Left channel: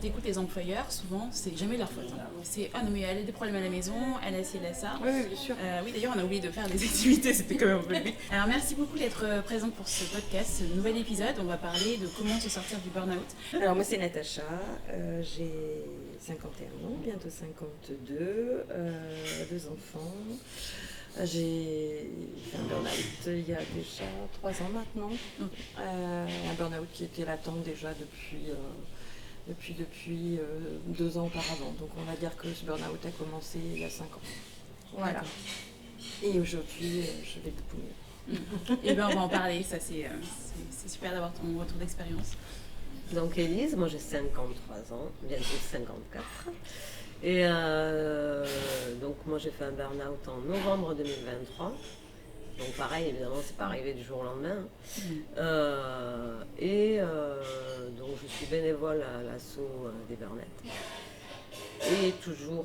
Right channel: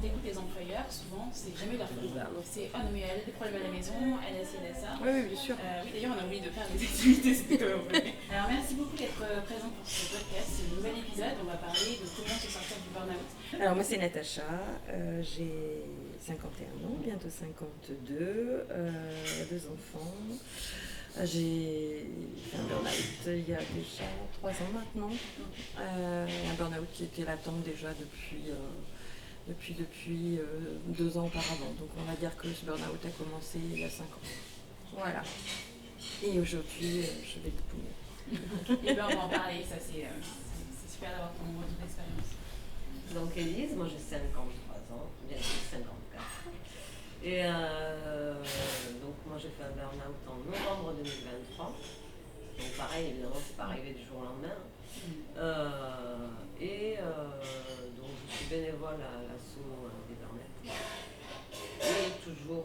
quand tu écoutes les employeurs, souvent, c'est jamais leur faute. C'est non, mais elle a des problèmes à la maison, elle a ci, elle a ça. Oui, bien sûr. Oui, d'ailleurs, on a oublié de faire des activités, c'était quand même un peu. Alors, merci beaucoup d'être présent pour ce podcast, ce nouvel épisode. On va parler de comment se sortir du burn-out. Alors, moi, c'est Natacha, j'ai 51 ans, bientôt 52, 2 enfants. J'ai fait un burn-out il y a déjà 3 ans maintenant. Un burn-out qui était latent déjà depuis 2 ans auparavant. Donc on va dire que ce burn-out a commencé il y a 5 ans. Voilà. Et aujourd'hui, je vais beaucoup mieux. Et bien on va en parler, ça c'est super d'avoir ton retour d'expérience. Donc Élise, moi j'ai 53 ans, bientôt 54. Et donc moi j'ai fait un burn-out en novembre 2023. Donc pareil, évidemment, c'est pas arrivé du jour au lendemain. Donc je suis bénévole à l'asso des Bernettes. Et toujours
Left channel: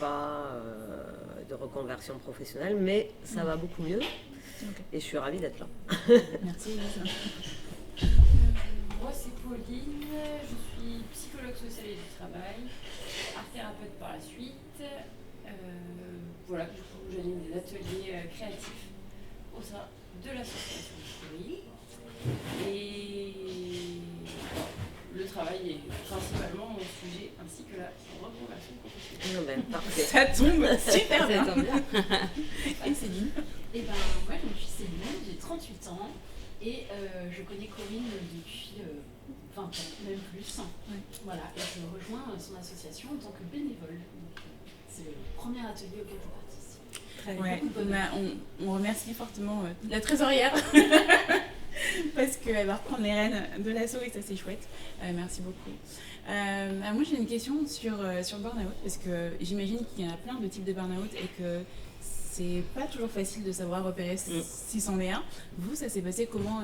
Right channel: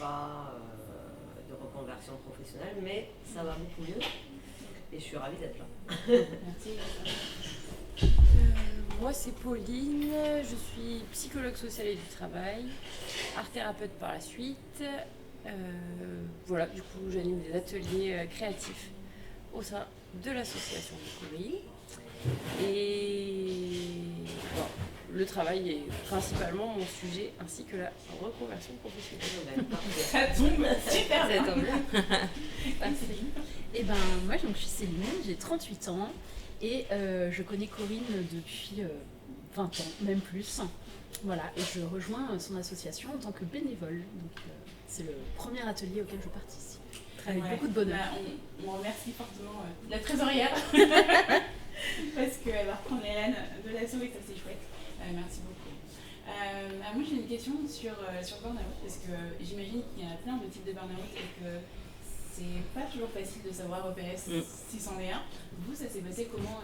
pas de reconversion professionnelle, mais ça va beaucoup mieux. Et je suis ravie d'être là. Merci. Moi c'est Pauline, je suis psychologue sociale et du travail, art thérapeute par la suite. Voilà, du coup j'anime des ateliers créatifs au sein de l'association Pauline. Et le travail est principalement mon sujet ainsi que la reconversion professionnelle. Ça tombe super bien. Ça tombe bien. Et Céline? Et ben moi je suis Céline, j'ai 38 ans. Et je connais Corinne depuis 20 ans, même plus. Voilà, et je rejoins son association en tant que bénévole. Donc, c'est le premier atelier auquel je participe. Avec beaucoup de bonheur. On remercie fortement la trésorière parce qu'elle va reprendre les rênes de l'asso et ça c'est chouette. Merci beaucoup. Moi j'ai une question sur le burn-out parce que j'imagine qu'il y a plein de types de burn-out et que c'est pas toujours facile de savoir repérer si c'en est un. Vous, ça s'est passé comment?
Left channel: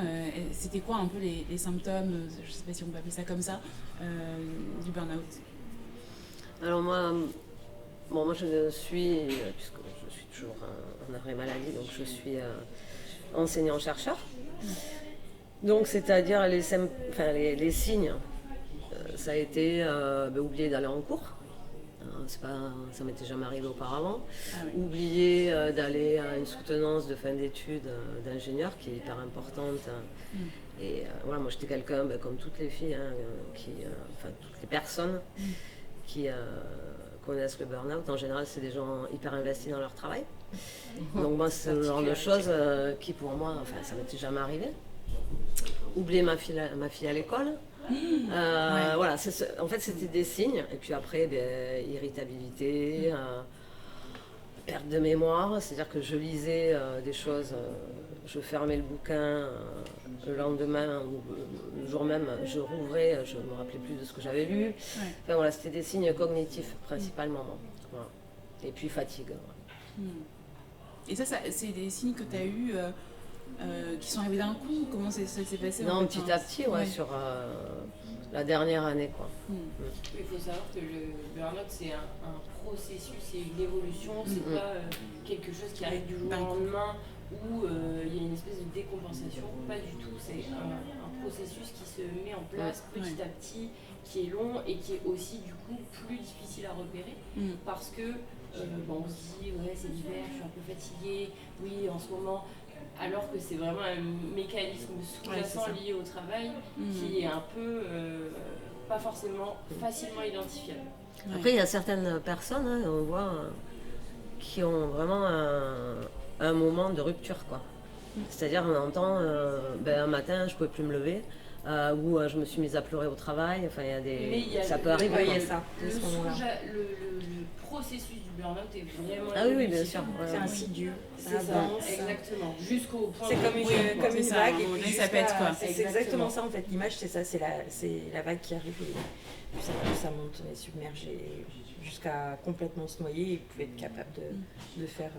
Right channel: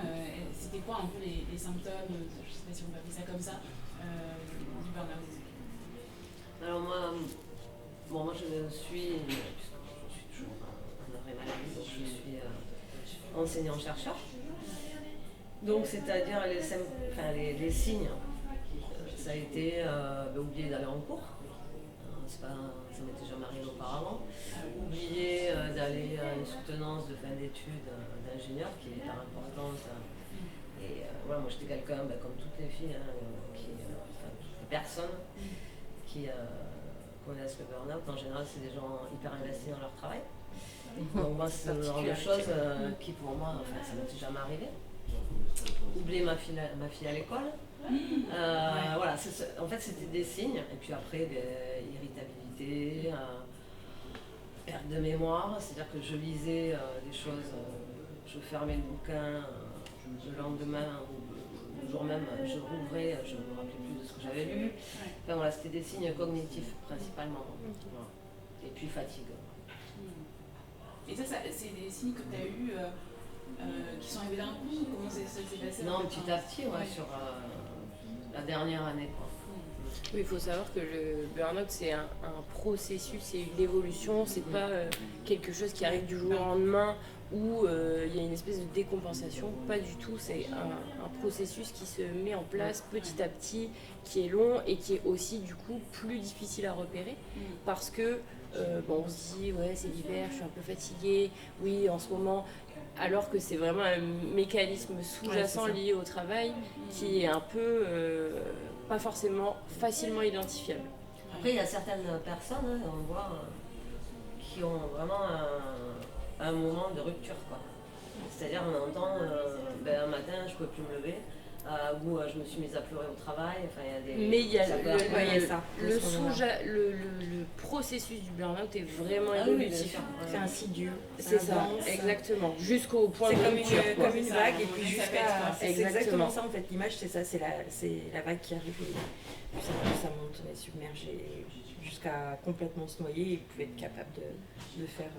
C'était quoi un peu les symptômes, je sais pas si on peut appeler ça comme ça, du burn-out? Alors moi je suis, puisque je suis toujours en arrêt maladie, donc je suis enseignant-chercheur. Donc c'est-à-dire les signes, ça a été oublier d'aller en cours. Ça m'était jamais arrivé auparavant. Oublier d'aller à une soutenance de fin d'études d'ingénieur qui est hyper importante. Et voilà, moi j'étais quelqu'un, comme toutes les filles, toutes les personnes qui connaissent le burn-out. En général, c'est des gens hyper investis dans leur travail. Donc moi, c'est le genre de choses qui pour moi, ça m'était jamais arrivé. Oublier ma fille à l'école. Voilà, en fait c'était des signes, et puis après irritabilité, perte de mémoire, c'est-à-dire que je lisais des choses, je fermais le bouquin, le lendemain ou le jour même je rouvrais, je ne me rappelais plus de ce que j'avais lu. Enfin voilà, c'était des signes cognitifs principalement. Voilà. Et puis fatigue. Et ça c'est des signes que tu as eus qui sont arrivés d'un coup? Comment ça s'est passé? Non, petit à petit, sur la dernière année, quoi. Oui, il faut savoir que le burn-out c'est un processus, c'est une évolution, c'est pas quelque chose qui arrive du jour au lendemain où il y a une espèce de décompensation, pas du tout, c'est un processus qui se met en place petit à petit, qui est long et qui est aussi du coup plus difficile à repérer parce que on se dit c'est l'hiver, je suis un peu fatiguée, oui en ce moment, alors que c'est vraiment un mécanisme sous-jacent lié au travail qui est un peu pas forcément facilement identifiable. Après, il y a certaines personnes, on voit, qui ont vraiment un moment de rupture, quoi. C'est-à-dire, on entend, un matin, je ne pouvais plus me lever, ou je me suis mise à pleurer au travail. Enfin, il y a des... Mais ça peut arriver. Le processus du burn-out est vraiment bien sûr. C'est insidieux. C'est ça, exactement. Jusqu'au point c'est comme une vague et puis ça pète, quoi. C'est exactement ça en fait. L'image c'est ça, c'est la vague qui arrive et puis ça monte submergé jusqu'à complètement se noyer et vous pouvez être capable de faire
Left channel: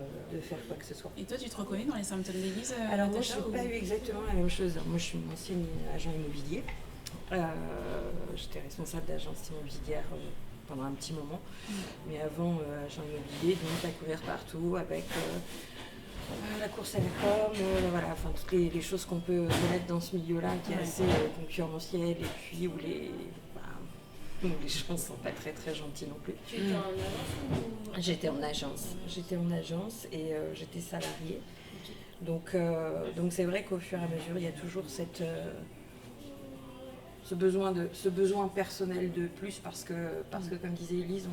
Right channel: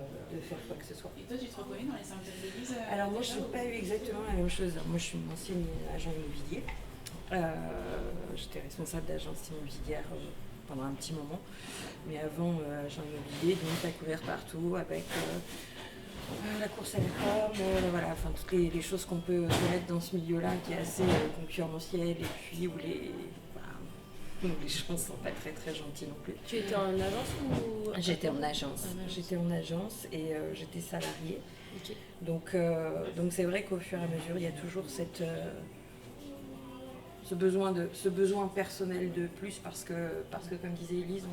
quoi que ce soit. Et toi tu te reconnais dans les symptômes d'Élise? Alors moi je n'ai pas eu exactement la même chose. Moi je suis une ancienne agent immobilier. J'étais responsable d'agence immobilière pendant un petit moment, mais avant agent immobilier, donc à courir partout avec la course à la com, toutes les choses qu'on peut connaître dans ce milieu-là qui est assez concurrentiel et puis où Donc les gens ne sont pas très très gentils non plus. Tu étais en agence ou... J'étais en agence. J'étais en agence et j'étais salariée. Ok. Donc c'est vrai qu'au fur et à mesure, il y a toujours ce besoin personnel de plus parce que comme disait Élise,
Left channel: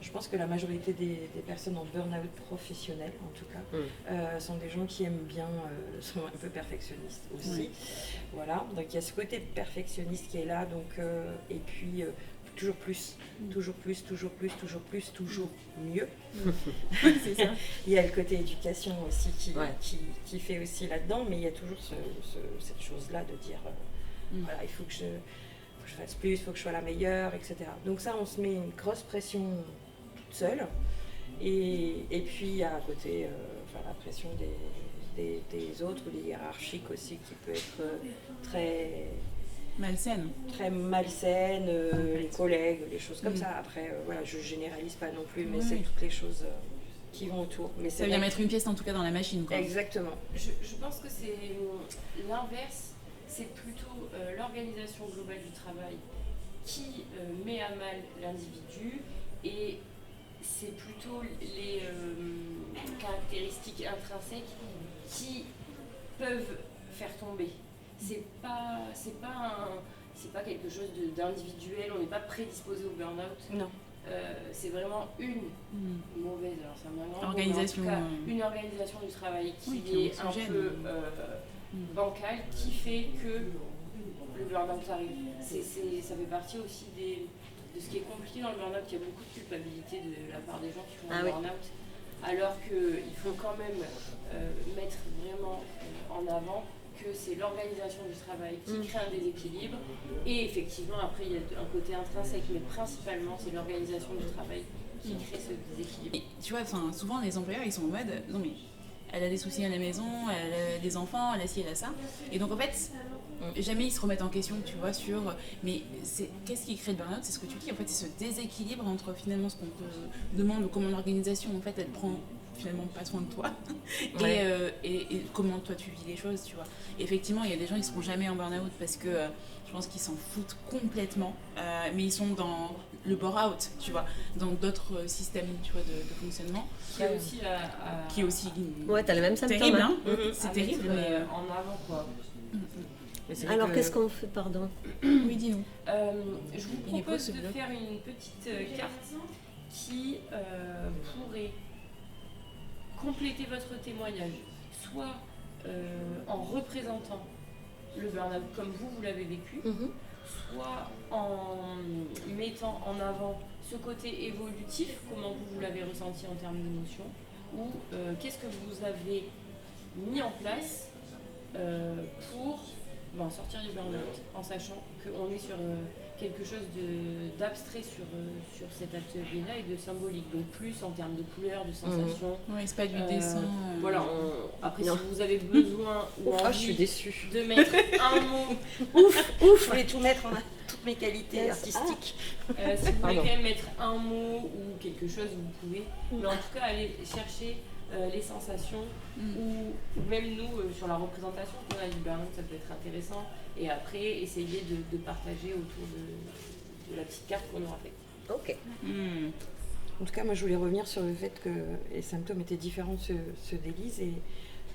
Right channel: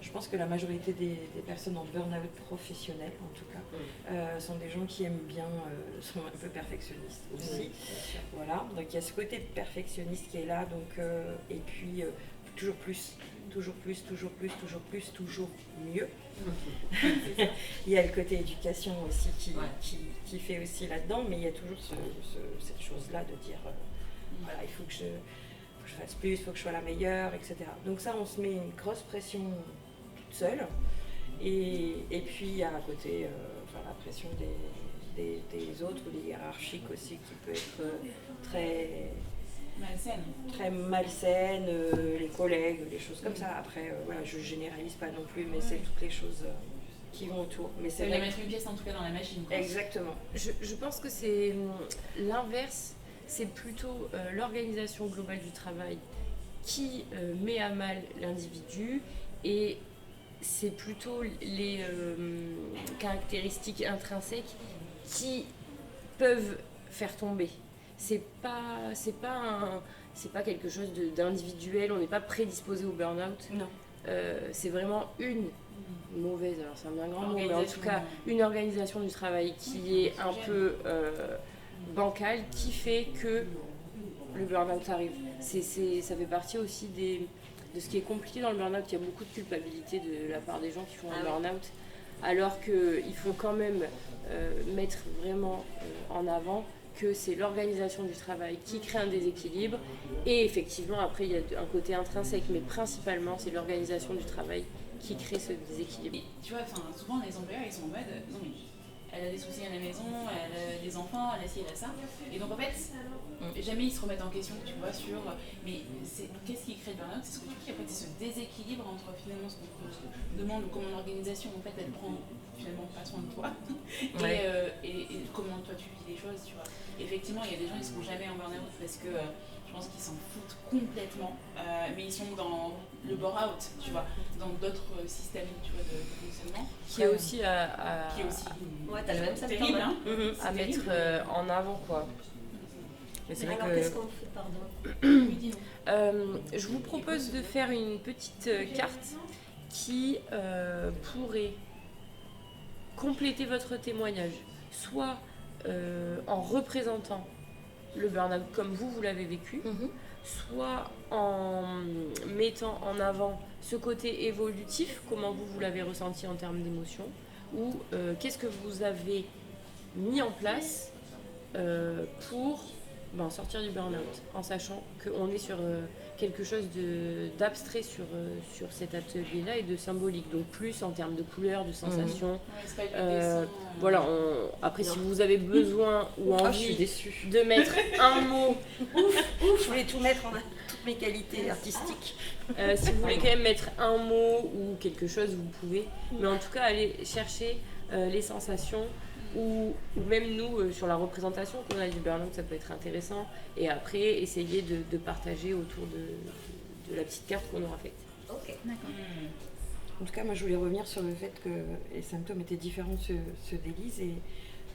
je pense que la majorité des personnes en burn-out professionnel, en tout cas, sont des gens qui aiment bien, sont un peu perfectionnistes aussi. Oui. Voilà, donc il y a ce côté perfectionniste qui est là, donc, et puis toujours plus, toujours plus, toujours plus, toujours plus, toujours mieux. C'est ça. Il y a le côté éducation aussi qui fait aussi là-dedans, mais il y a toujours cette chose-là de dire, voilà, il faut que je fasse plus, il faut que je sois la meilleure, etc. Donc ça, on se met une grosse pression toute seule. Et puis à côté, la pression des autres ou des hiérarchiques aussi qui peut être très malsaine, les collègues, les choses comme ça. Après, voilà, je généralise pas non plus, mais c'est toutes les choses qui vont autour. Mais ça vient mettre une pièce en tout cas dans la machine, quoi. Exactement. Je pense que c'est l'inverse. C'est plutôt l'organisation globale du travail qui met à mal l'individu et c'est plutôt les caractéristiques intrinsèques qui peuvent faire tomber. C'est pas quelque chose d'individuel, on n'est pas prédisposé au burn-out. Non. C'est vraiment une mauvaise, alors c'est un grand mot, mais en tout cas une organisation du travail qui est un peu bancale, qui fait que le burn-out arrive. Ça fait partie aussi de ce qui est compliqué dans le burn-out. Il y a beaucoup de culpabilité de la part des gens qui font un burn-out, alors qu'il faut quand même mettre vraiment en avant que c'est l'organisation du travail qui crée un déséquilibre. Et effectivement, après, il y a un côté intrinsèque, mais principalement, c'est l'organisation du travail qui crée ce déséquilibre. Et tu vois, souvent, les employeurs, ils sont en mode « Non mais, elle a des soucis à la maison, elle a des enfants, elle a ci, elle a ça. » Et donc en fait, jamais ils se remettent en question, tu vois, sur mais qu'est-ce qui crée le burn-out, c'est ce que tu dis, en fait, c'est ce déséquilibre entre finalement ce qu'on te demande, comment l'organisation, en fait, elle prend finalement pas soin de toi, et comment toi tu vis les choses, tu vois. Et effectivement, il y a des gens qui ne seront jamais en burn-out parce que je pense qu'ils s'en foutent complètement, mais ils sont dans le bore-out, tu vois, dans d'autres systèmes, tu vois, de fonctionnement. Qui est aussi ouais, t'as le même symptôme. Terrible, hein. C'est terrible en avant, quoi. Alors qu'est-ce qu'on fait, pardon? Oui, dis-nous. Je vous propose de faire une petite carte qui pourrait compléter votre témoignage, soit en représentant le burn-out comme vous l'avez vécu, soit en mettant en avant ce côté évolutif, comment vous l'avez ressenti en termes d'émotion, ou qu'est-ce que vous avez mis en place pour sortir du burn-out, en sachant qu'on est sur quelque chose d'abstrait sur cet atelier-là et de symbolique, donc plus en termes de couleurs, de sensations. Oui, c'est pas du dessin. Voilà, après si vous avez besoin ou envie je suis déçue de mettre un mot, je voulais tout mettre en toutes mes qualités artistiques. Si vous voulez quand même mettre un mot ou quelque chose, vous pouvez, mais en tout cas allez chercher les sensations ou même nous sur la représentation qu'on a du burn-out, ça peut être intéressant, et après essayer de partager autour de la petite carte qu'on aura faite. Ok. En tout cas, moi je voulais revenir sur le fait que les symptômes étaient différents de ceux d'Élise, et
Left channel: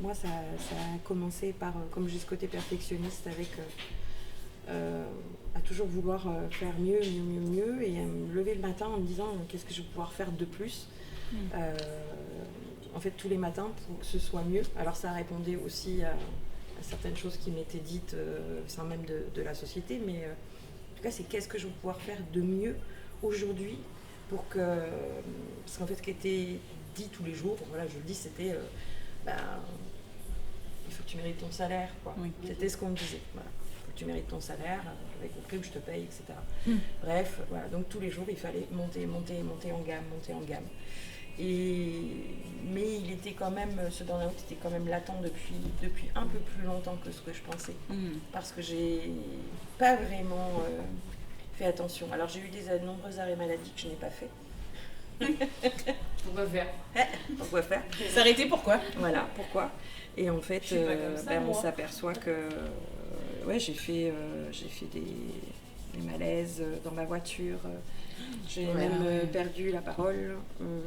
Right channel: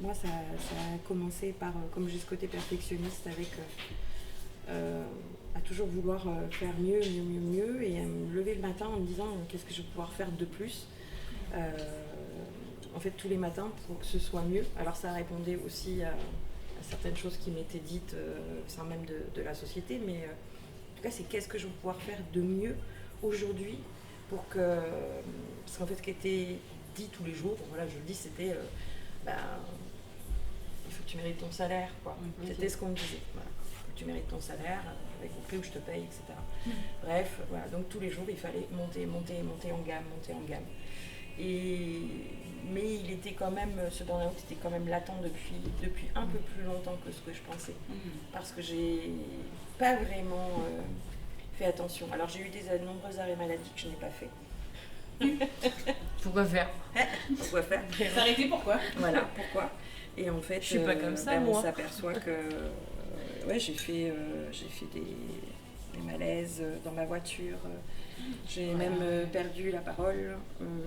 moi ça a commencé par, comme j'ai ce côté perfectionniste avec à toujours vouloir faire mieux, et à me lever le matin en me disant qu'est-ce que je vais pouvoir faire de plus. En fait, tous les matins pour que ce soit mieux. Alors ça répondait aussi à certaines choses qui m'étaient dites sans même de la société, mais en tout cas c'est qu'est-ce que je vais pouvoir faire de mieux aujourd'hui pour que... Parce qu'en fait ce qui était dit tous les jours, voilà, je le dis, c'était il faut que tu mérites ton salaire, quoi. C'était ce qu'on me disait, voilà. Il faut que tu mérites ton salaire, avec le prix que je te paye, etc. Bref, voilà, donc tous les jours il fallait monter en gamme. Mais il était quand même, ce burn-out était quand même latent depuis un peu plus longtemps que ce que je pensais. Parce que j'ai pas vraiment fait attention. Alors j'ai eu de nombreux arrêts maladie que je n'ai pas fait. Pourquoi faire? S'arrêter, pourquoi? Voilà, pourquoi. Et en fait, je suis pas comme ça, on s'aperçoit que j'ai fait des malaises dans ma voiture. J'ai même perdu la parole.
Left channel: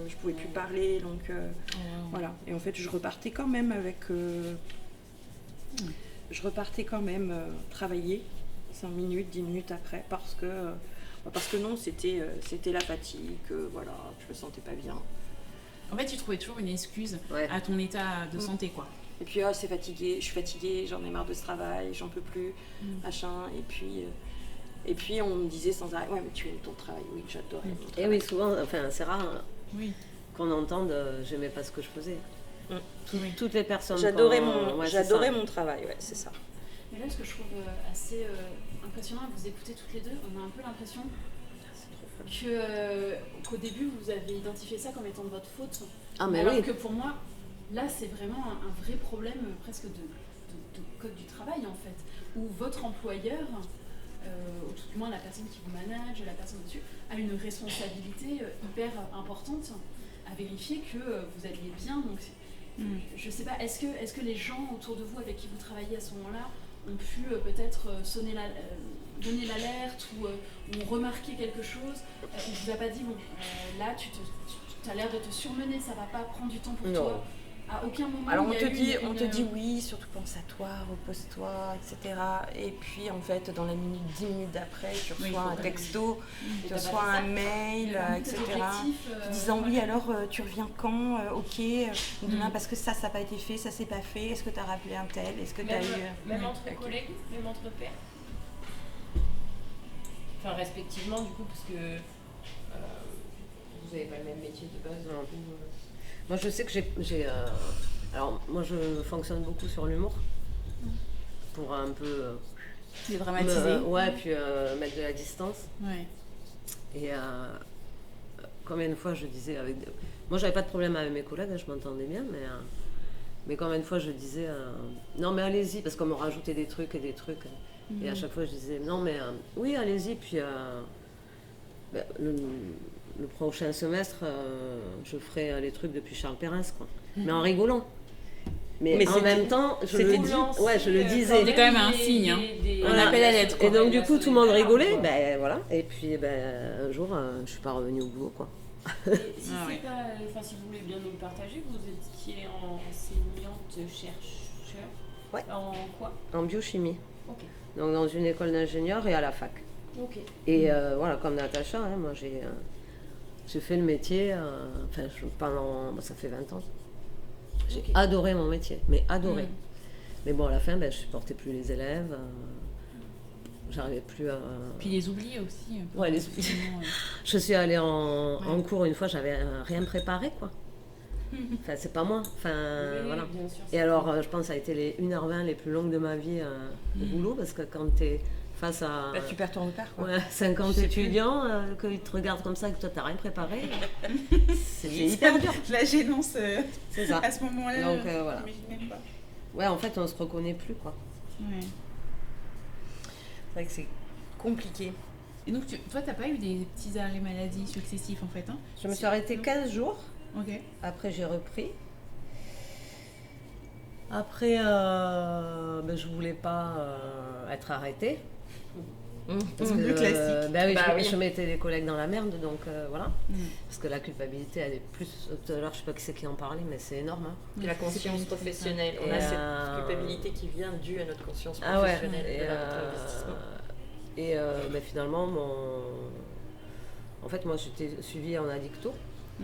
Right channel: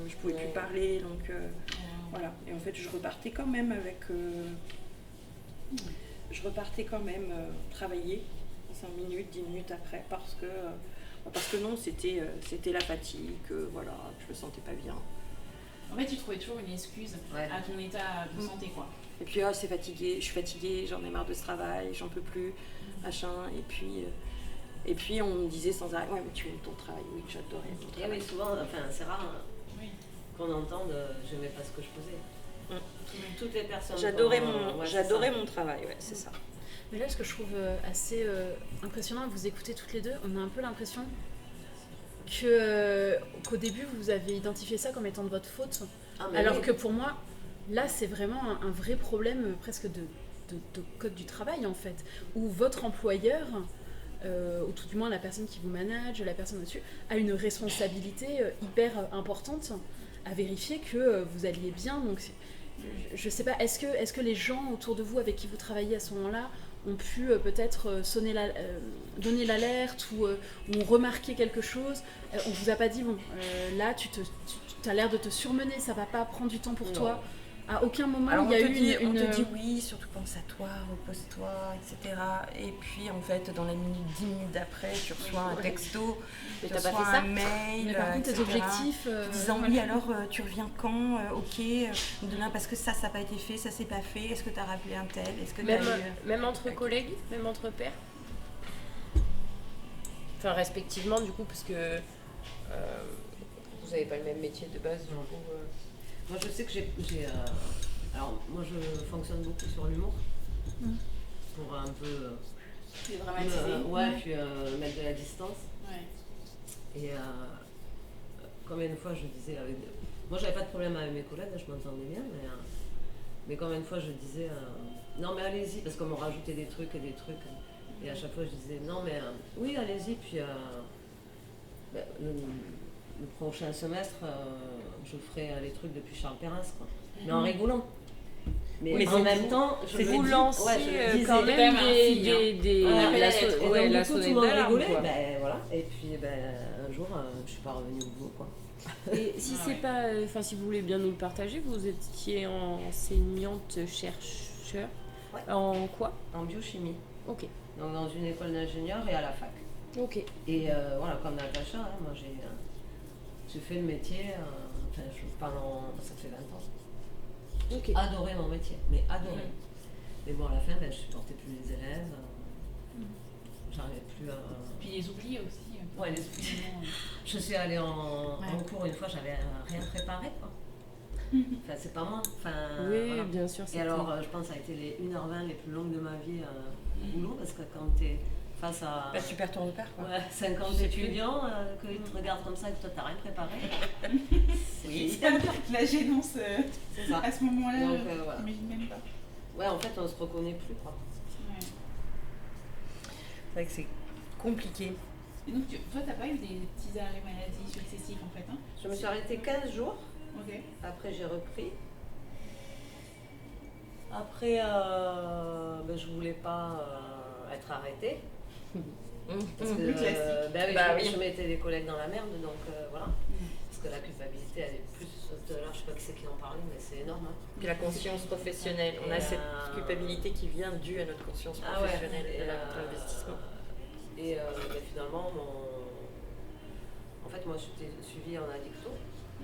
Je pouvais plus parler. Donc voilà. Et en fait, je repartais quand même travailler 5 minutes, 10 minutes après parce que non, c'était la fatigue, voilà, je me sentais pas bien. En fait, tu trouvais toujours une excuse à ton état de santé, quoi. Et puis, c'est fatigué, je suis fatiguée, j'en ai marre de ce travail, j'en peux plus, machin. Et puis, on me disait sans arrêt, ouais, mais tu aimes ton travail, oui, j'adorais mon travail. Et oui, souvent, enfin, c'est rare qu'on entende j'aimais pas ce que je faisais. Toutes les personnes. J'adorais mon travail, ouais, c'est ça. Mais là, ce que je trouve assez impressionnant à vous écouter toutes les deux, on a un peu l'impression qu'au début, vous avez identifié ça comme étant de votre faute. Alors que pour moi, là, c'est vraiment un vrai problème presque de code du travail, en fait, où votre employeur, ou tout du moins la personne qui vous manage, la personne au-dessus, a une responsabilité hyper importante à vérifier que vous alliez bien. Donc, je sais pas, est-ce que les gens autour de vous avec qui vous travaillez à ce moment-là ont pu peut-être donner l'alerte ou remarquer quelque chose? On vous a pas dit, bon, là tu as l'air de te surmener, ça va pas prendre du temps pour toi. À aucun moment alors il y a on te dit oui, surtout pense à toi, repose-toi, etc. Et puis en fait, dans la minute, 10 minutes d'après, tu reçois un texto, tu reçois un mail, etc. Disant oui, alors tu reviens quand? Ok, demain parce que ça n'a pas été fait, ça s'est pas fait, est-ce que tu as rappelé un tel? Est-ce que même entre collègues, même entre pairs? Enfin, respectivement, du coup, parce que vous n'avez pas le même métier de base. Moi, je sais que j'ai alors, moi, je fonctionne beaucoup sur l'humour. Pour un peu... dédramatiser. Puis mettre de la distance. Et combien de fois je disais... Moi, j'avais pas de problème avec mes collègues, je m'entendais bien, mais combien de fois je disais... non, mais allez-y, parce qu'on me rajoutait des trucs. Et à chaque fois, je disais, non, mais oui, allez-y, puis... le prochain semestre, je ferai les trucs depuis Charles Perrins, quoi. Mais en rigolant. Mais en même temps, je le disais. C'est quand même un signe. On appelle à l'être. Et donc, du coup, tout le monde rigolait. Ben, voilà. Et puis, un jour, je suis pas revenue au boulot, quoi. Et si c'est pas... Enfin, si vous voulez bien nous le partager, vous étiez enseignante-chercheur. En quoi? En biochimie. Ok. Donc, dans une école d'ingénieur et à la fac. Ok. Et voilà, comme Natacha, moi, j'ai fait le métier pendant... Ça fait 20 ans. J'ai adoré mon métier, mais adoré. Mais bon, à la fin, je supportais plus les élèves. J'arrivais plus à... Puis les oublier aussi. Les oublier. Je suis allée en cours une fois, j'avais rien préparé, quoi. Enfin, c'est pas moi. Voilà. Bien sûr. Et alors, je pense que ça a été les 1h20 les plus longues de ma vie au boulot, parce que quand t'es face à... tu perds ton repère, quoi. 50 étudiants, qu'ils te regardent comme ça, que toi, t'as rien préparé. C'est hyper dur. La gênance, c'est ça. À ce moment-là, donc, voilà. j'imagine même pas. Ouais, en fait, on se reconnaît plus, quoi. C'est vrai que c'est compliqué. Et donc, toi, t'as pas eu des petits arrêts maladie successifs, en fait, hein? Je me suis arrêtée 15 jours. Ok. Après, j'ai repris. Après, je voulais pas être arrêtée. Parce que, classique. Je mettais les collègues dans la merde, donc voilà. Parce que la culpabilité, elle est plus... Tout à l'heure, je sais pas qui c'est qui en parlait, mais c'est énorme. Puis la conscience professionnelle. On a cette culpabilité qui vient due à notre conscience professionnelle et à notre investissement. Et finalement, en fait, moi, j'étais suivie en addicto,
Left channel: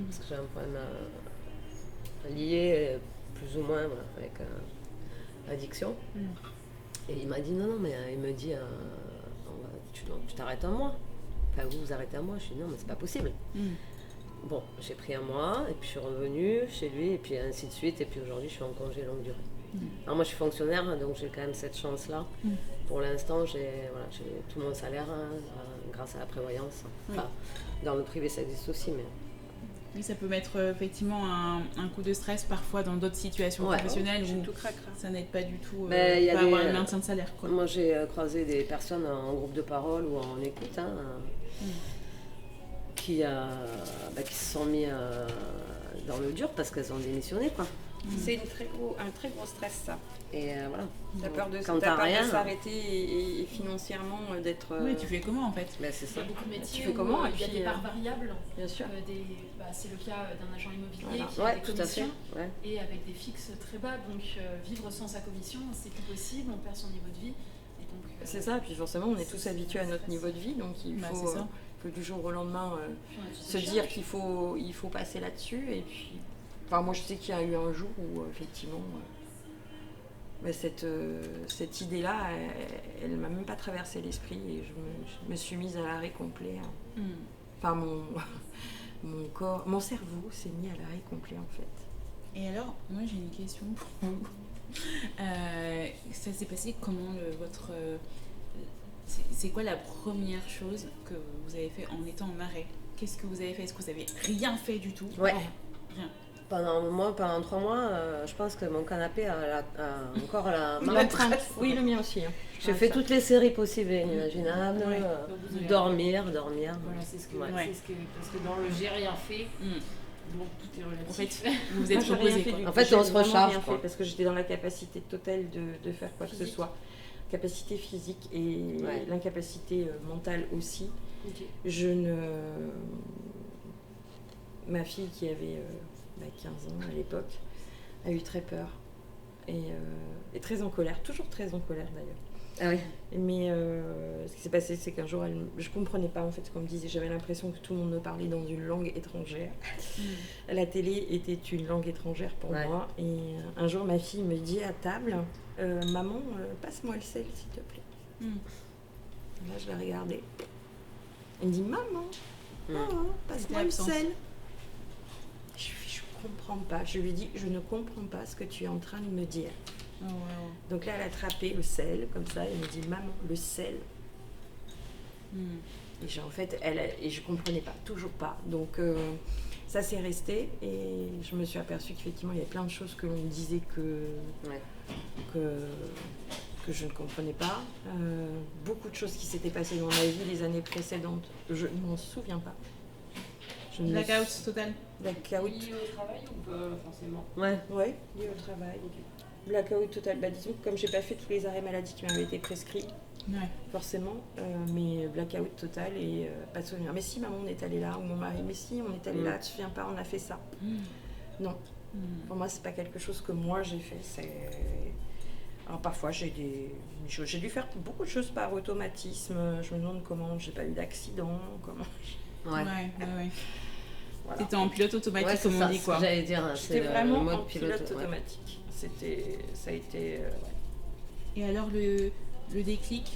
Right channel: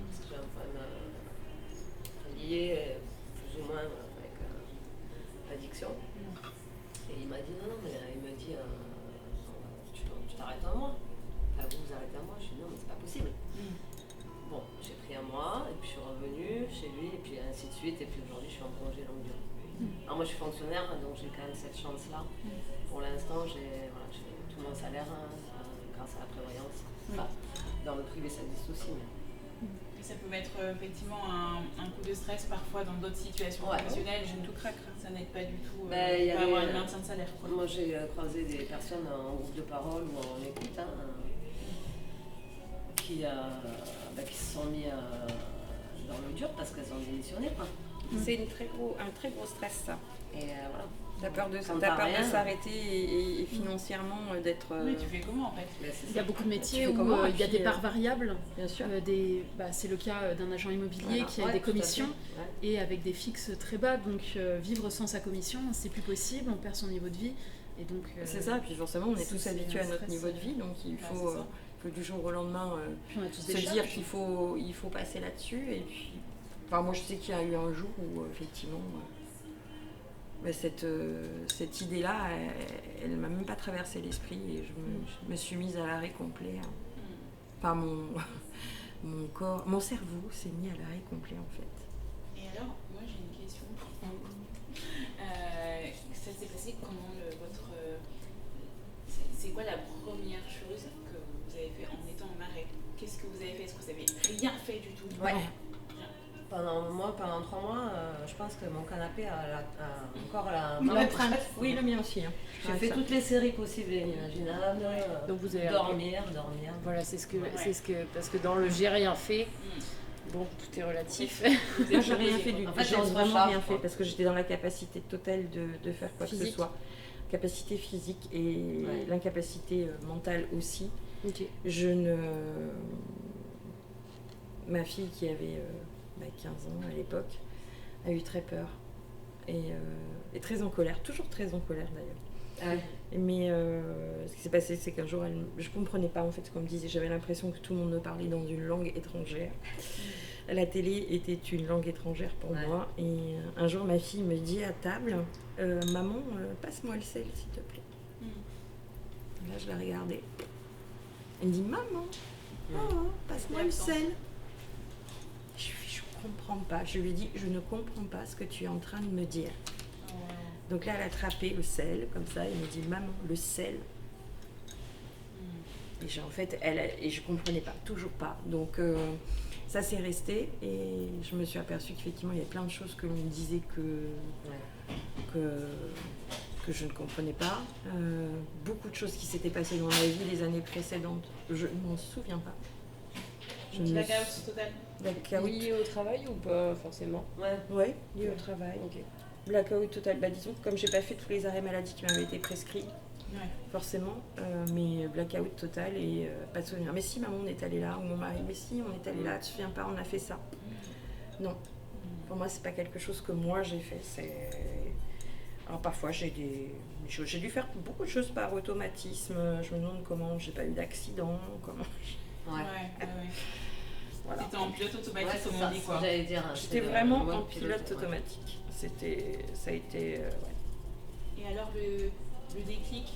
parce que j'ai un problème lié plus ou moins avec l'addiction. Et il m'a dit non, mais il me dit tu t'arrêtes un mois. Enfin, vous arrêtez un mois. Je dis non, mais c'est pas possible. Bon, j'ai pris un mois, et puis je suis revenue chez lui, et puis ainsi de suite, et puis aujourd'hui, je suis en congé longue durée. Alors moi, je suis fonctionnaire, donc j'ai quand même cette chance-là. Pour l'instant, j'ai tout mon salaire grâce à la prévoyance. Enfin, dans le privé, ça existe aussi, mais... Oui, ça peut mettre effectivement un coup de stress parfois dans d'autres situations professionnelles où tout craque. Ça n'aide pas du tout à avoir un maintien de salaire, quoi. Moi, j'ai croisé des personnes en groupe de parole ou en écoute qui se sont mis dans le dur parce qu'elles ont démissionné, quoi. C'est un très gros stress, ça. Et voilà. T'as peur de Quand t'as rien, s'arrêter et financièrement d'être... Oui, tu fais comment en fait? Ben, c'est Il y a ça. beaucoup de métiers Tu fais où comment, et il y a puis, des parts variables. Bien sûr. C'est le cas d'un agent immobilier Voilà. qui a Ouais, des tout à fait. commissions Ouais. et avec des fixes très bas. Donc vivre sans sa commission, c'est plus possible, on perd son niveau de vie. Et donc, C'est ça, et puis forcément, on est tous c'est habitués à notre stress. niveau de vie, donc il Bah, faut, c'est ça. faut du jour au lendemain on a tous se des dire charges. qu'il faut passer là-dessus. Et puis, enfin, moi, je sais qu'il y a eu un jour où, effectivement, cette idée-là, elle ne m'a même pas traversé l'esprit et je me suis mise à l'arrêt complet. Enfin, mon corps, mon cerveau s'est mis à l'arrêt complet, en fait. Et alors, moi j'ai une question pour vous. Ça s'est passé comment c'est quoi la première chose que vous avez fait en étant en arrêt? Qu'est-ce que vous avez fait? Est-ce que vous avez rien fait du tout? Ouais. Rien. Pendant 3 mois, je pense que mon canapé a encore la L'empreinte, oui, le mien aussi. Hein. J'ai fait toutes les séries possibles et inimaginables. Ouais. Donc vous avez dormir. Voilà, c'est ce que, Ouais. parce que dans le j'ai rien fait, Mm. bon, tout est relatif. Vous Moi, êtes j'ai rien proposé, fait quoi. du tout. En fait, J'ai on se vraiment recharge, rien quoi. fait parce que j'étais dans la capacité totale de faire quoi que ce Physique. soit. Capacité physique et Ouais. l'incapacité mentale aussi. Ok. Ma fille qui avait 15 ans à l'époque a eu très peur et très en colère, toujours très en colère d'ailleurs. Ah oui. Mais ce qui s'est passé, c'est qu'un jour, je comprenais pas en fait ce qu'on me disait. J'avais l'impression que tout le monde me parlait dans une langue étrangère. La télé était une langue étrangère pour Ouais. moi. Et un jour, ma fille me dit à table, maman, passe-moi le sel, s'il te plaît. Là, je l'ai regardée. Elle me dit, maman, passe-moi le Absence. sel. Je comprends pas. Je lui dis, je ne comprends pas ce que tu es en train de me dire. Oh, wow. Donc là, elle a attrapé le sel, comme ça, et me dit, maman, le sel. Et en fait, et je comprenais pas, toujours pas. Donc ça s'est resté, et je me suis aperçue qu'effectivement, il y avait plein de choses que l'on me disait que je ne comprenais pas. Beaucoup de choses qui s'étaient passées dans ma vie les années précédentes, je ne m'en souviens pas. Je ne me Blackout total. Blackout. Lié au travail ou pas forcément? Ouais. Ouais, lié au travail. Blackout total. Bah, disons que comme j'ai pas fait tous les arrêts maladie qui m'avaient été prescrits, Ouais. forcément, mais blackout total et pas de souvenir. Mais si, maman, on est allé là, ou mon mari, mais si, on est allé là, tu te souviens pas, on a fait ça. Non, pour moi, c'est pas quelque chose que moi j'ai fait. Alors parfois, j'ai dû faire beaucoup de choses par automatisme. Je me demande comment j'ai pas eu d'accident, comment. Ouais. Voilà. C'était en pilote automatique, Ouais, c'est comme ça, on dit quoi. j'allais dire. J'étais c'est vraiment le mode en pilote ouais. automatique. Ça a été. Ouais. Et alors le déclic,